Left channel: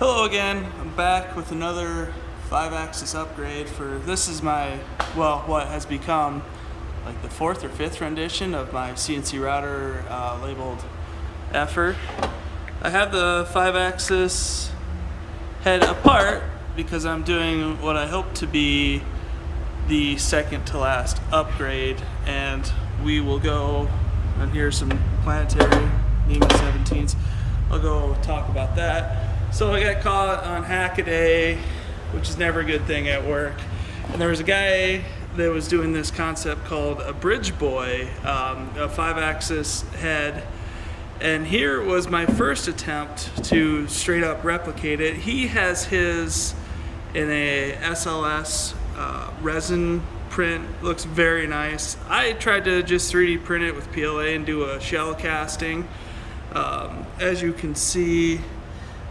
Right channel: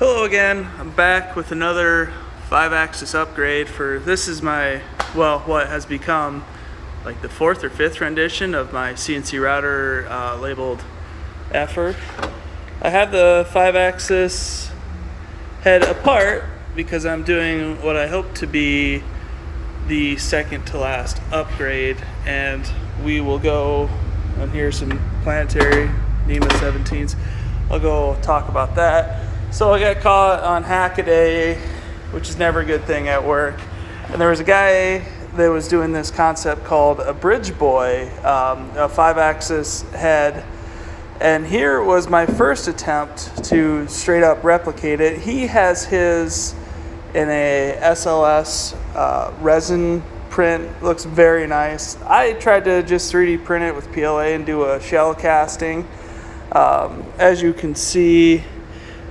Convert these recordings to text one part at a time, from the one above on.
Hello again. I'm back with another 5-axis upgrade for this is my what has become like the 4th or 5th rendition of my CNC router labeled Effer. I have the 5-axis head apart because I'm doing what I hope to be the second to last upgrade, and we will go, and here's some planetary NEMA 17s. I'll go talk about that. So I got caught on Hackaday, which is never a good thing at work. And there was a guy that was doing this concept called a bridge boy, a 5-axis head. And here was my first attempt to straight up replicate it. He has his in a SLS resin print, looks very nice. I tried to just 3D print it with PLA and do a shell casting. As you can see,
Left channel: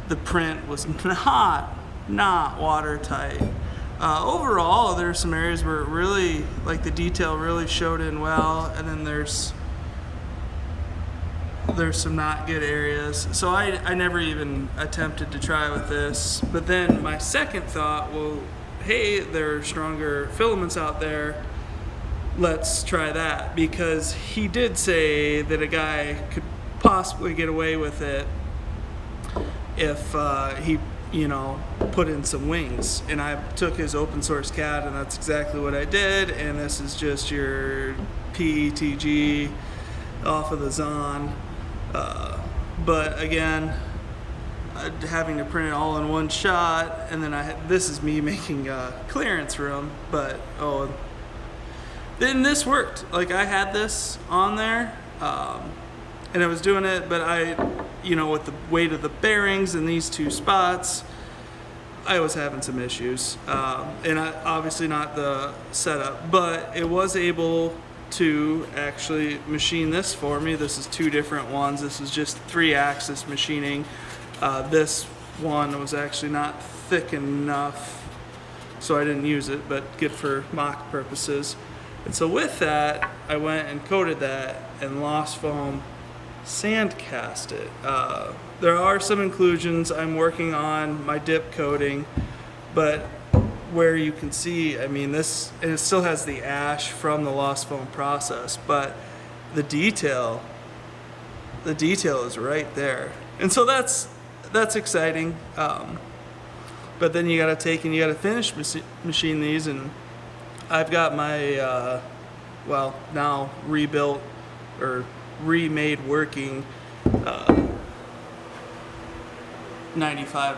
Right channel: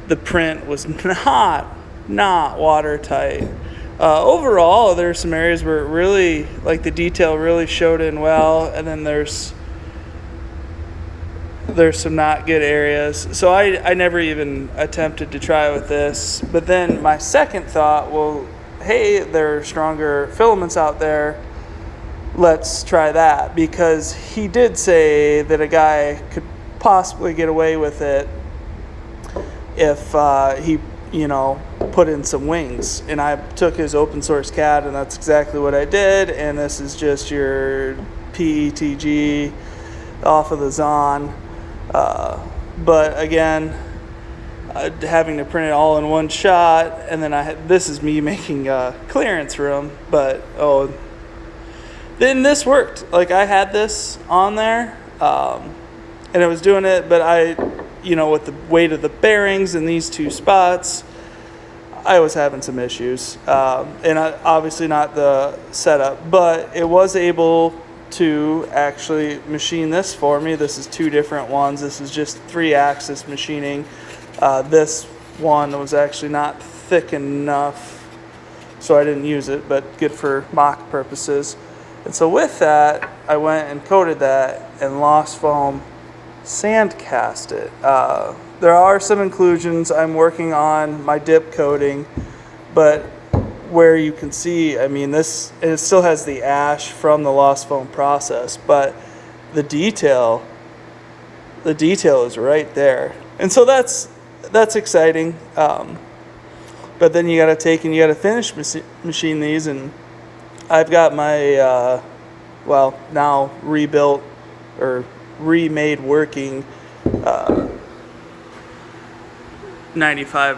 the print was not watertight. Overall, there's some areas where it really, like the detail really showed in well, and then there's some not good areas. So I never even attempted to try with this. But then my second thought, well, hey, there are stronger filaments out there. Let's try that, because he did say that a guy could possibly get away with it if he, put in some wings. And I took his open source CAD, and that's exactly what I did. And this is just your PETG off of the Zon. But again, having to print it all in one shot, and then this is me making clearance room. But then this worked. Like, I had this on there, and it was doing it, but with the weight of the bearings in these two spots, I was having some issues. And obviously not the setup, but it was able to actually machine this for me. This is two different ones. This is just 3-axis machining. This one was actually not thick enough, so I didn't use it, but good for mock purposes. And so with that, I went and coated that and lost foam sand cast it. There are some inclusions. I'm working on my dip coating, but where you can see, it still has the ash from the lost foam process, but the detail is right there. And so that's exciting. But then you got to finish machine these, and I've got my now rebuilt or remade working 95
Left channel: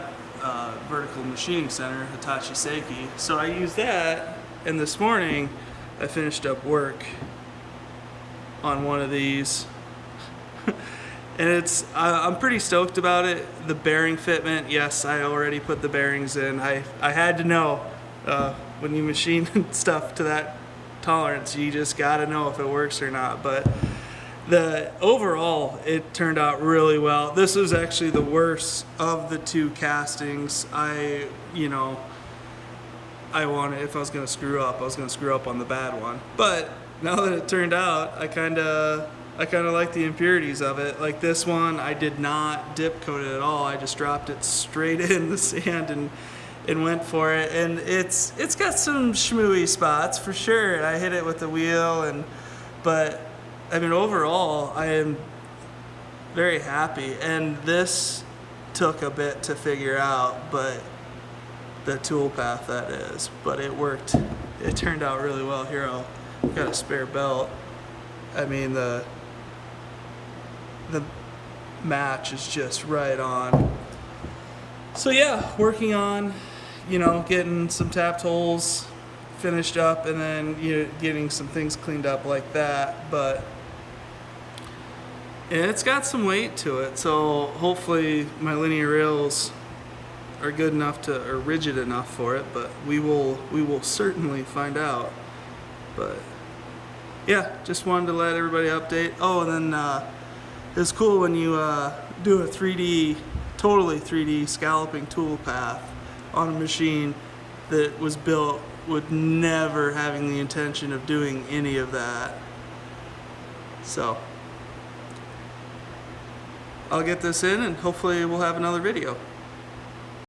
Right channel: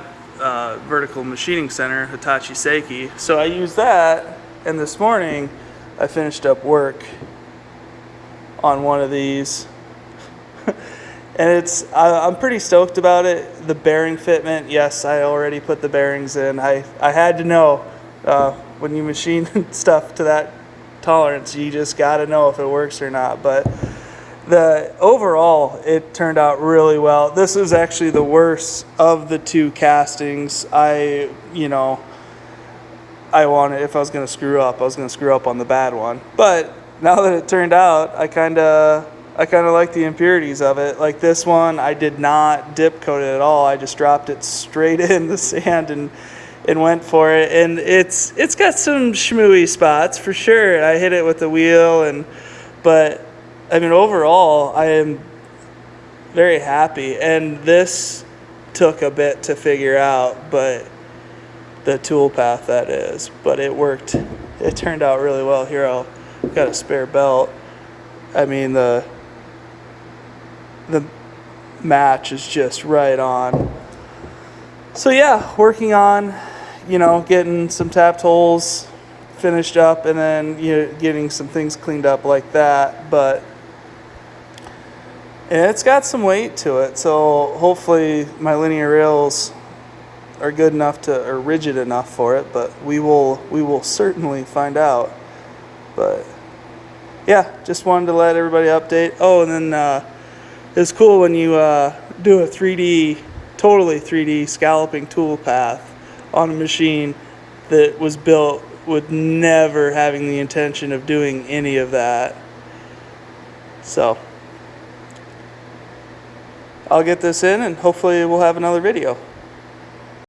vertical machining center, Hitachi Seiki. So I used that, and this morning I finished up work on one of these. And I'm pretty stoked about it. The bearing fitment, yes, I already put the bearings in. I had to know, when you machine stuff to that tolerance, you just got to know if it works or not. But overall, it turned out really well. This was actually the worst of the two castings. I wanted, if I was going to screw up, on the bad one. But now that it turned out, I kind of like the impurities of it. Like this one, I did not dip coat it at all. I just dropped it straight in the sand and went for it. And it's got some schmooey spots for sure. I hit it with the wheel, but overall, I am very happy. And this took a bit to figure out, but the tool path, that is. But it worked. It turned out really well. Here, I've got a spare belt. The match is just right on. So yeah, working on, getting some tapped holes finished up, and then getting some things cleaned up like that. But and it's got some weight to it, so hopefully my linear rails are good enough or rigid enough for it. But we will certainly find out. But yeah, just wanted to let everybody update. Oh, and then it's cool when you do a totally 3D scalloping tool path on a machine that was built with never having the intention of doing any of that. So I'll get this in, and hopefully we'll have another video.